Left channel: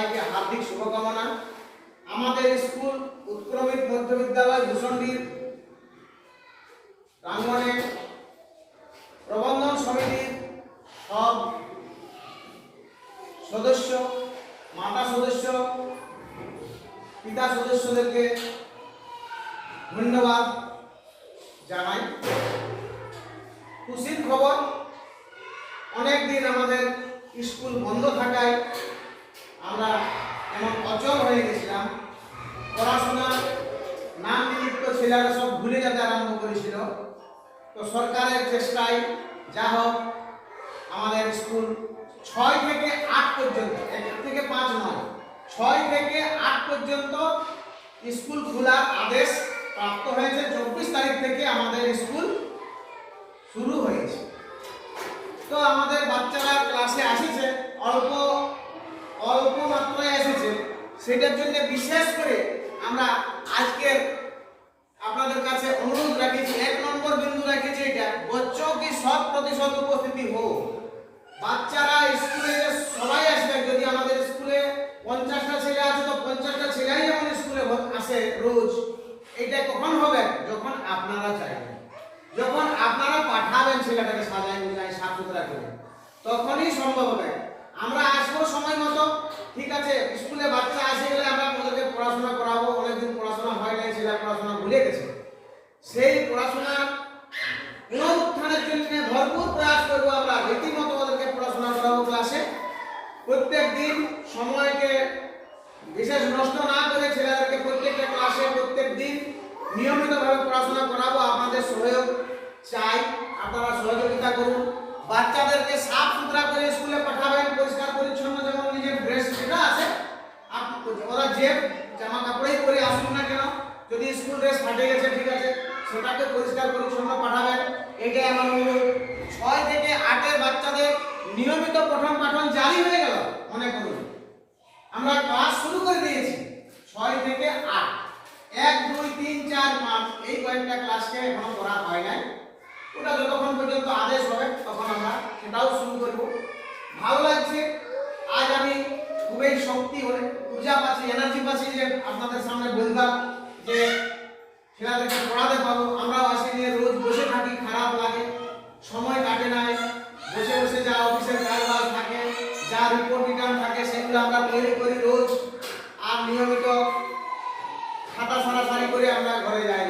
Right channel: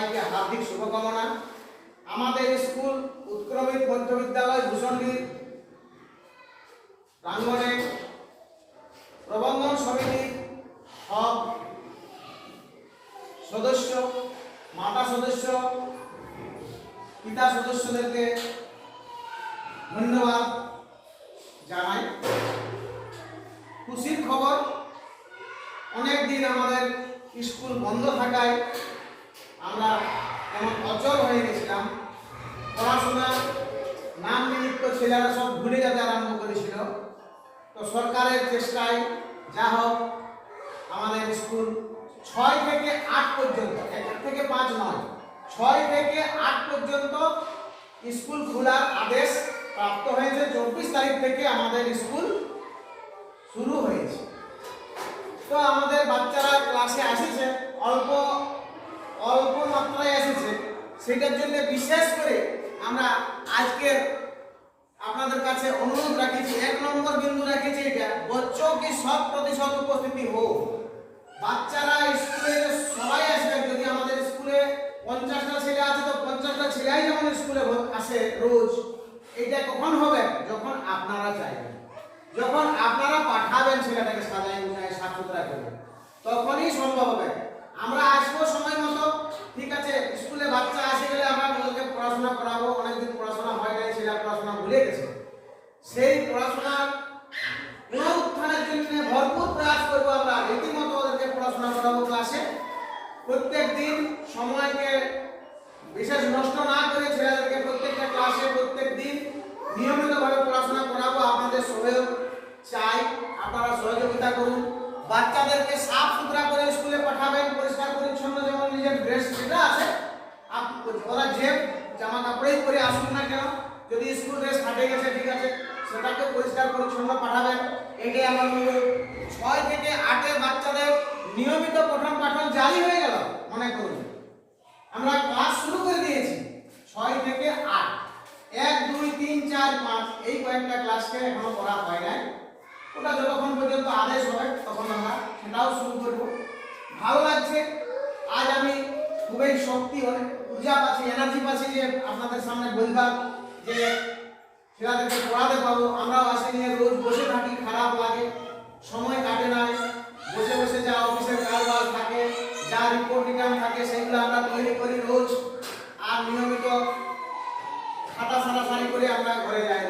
हार्दिक शुभकामना। हमारे स्कूल उत्क्रमित मध्य विद्यालय भूषणडीर प्रांगणे प्रबंधन समितिर सब सदस्य माता सदस्य पिता सदस्यदेरके धन्यवाद जानाई। खुशिर खबर अनेक दिन हमारे स्कूल बंद थाकाय আমরা এমন অচল হয়ে গেছিলাম। পড়াশোনা নাম নিমিত্ত ছেলেরা সব ভুলে যেতে আরম্ভ করেছিল। তো সরকারের চেষ্টায় যা হোক আমাদের স্কুল 6 থেকে 8 পর্যন্ত, 1 থেকে 5 নয়, 6 থেকে 8 পর্যন্ত স্কুল খোলার আদেশ প্রাপ্ত হয়েছে। 24 তারিখ থেকে আমাদের স্কুল শুরু হয়েছে। তো আমাদের বাচ্চারা ক্লাসে আসছে, অল্প অল্প মাত্রায় এসেছে, সেটার জন্য বিশেষ করে আমরা আজকে আপনাদের কাছে অনুরোধ রাখেছি, 1 নম্বর বিন্দু রেখেছি এটা, बच्चों की 100% উপস্থিতি হোক। বাচ্চারা স্কুলে সবাই আসবে। যদি আমাদের স্কুলে 50টা ছেলে আছে তো 50টা ছেলেই আমাদের স্কুলে আসে রোজ। এটা কখন হবে? যখন আপনারা চাইবেন, যখন আপনারা পাঠাবেন ছেলেটাকে সাজায় গুছায় সাফ সুতরা করে, তখনই সম্ভব হবে। আমরা আসবো সময় মতো, ঠিক আছে। স্কুলে বাচ্চা আসে গেলে আমরা ওদেরকে পড়াশোনা করাবো। অনেকদিন পড়াশোনা হয় নাই, সেটা পড়াশোনা ভুলে গেছে। সেই পড়াশোনা পুনরুত্থানের জন্য ভরপুর প্রয়াস করবো। আমরা রীতিমতো ওদেরকে পড়াশোনা করাবো ক্লাসে। প্রত্যেক দিন সময়কে বিশেষ নষ্ট না করে ছেলেদেরকে প্রত্যেকটা ক্লাসে প্রত্যেক দিন নিয়মিতভাবে পড়াশোনা করাবো। আপনাদের সহযোগ চাই, আপনারা সহযোগিতা করুন। বাচ্চাদেরকে সাফ সুতরা করে স্কুলে পাঠাবেন, পরিষ্কার পরিচ্ছন্ন, যেমন নিজের ড্রেস যেটা আছে ওরা যে জামা কাপড়ই পরে আসুক না কেন, যদি স্কুল ড্রেস ফাটে গেছে ঠিক আছে, সেটাকে পরিষ্কার পরিচ্ছন্ন পাঠাবেন। এটাই আমার অনুরোধ। 6 থেকে 8 এর বাচ্চাদের নিয়মিত পঠন পাঠন জারি হয়ে গেল। মনে করুন আমরা ক্লাস শুরু করে দিয়েছি 6 থেকে 8, 1 2 3 4 5 এই কয়েকটা ক্লাসকে এখনো করা হয় নাই। ওটা যতক্ষণ পর্যন্ত আদেশ হয় তখন আমরা সেটাও শুরু করব। ভালো লাগছে। আজ আমি খুবই শক্তি অনেক পূজা পাচ্ছি, এনার্জি পাচ্ছি যে আপনাদের সামনে বলতাম যে ছেলেদেরকে পড়াতে পাবো। আমরাও আসি নিয়ে রোজ বসে থাকি, খারাপ লাগে, সময় কাটে নাই। বসে বসে যা অফিসের কাজবাজ থাকে, যা রিপোর্ট রিটার্ন থাকে, সেগুলো আমরা তৈরি করি রোজ। আর নিয়মিত খাতা সারাসারি করে আমরা ঘরে যাই।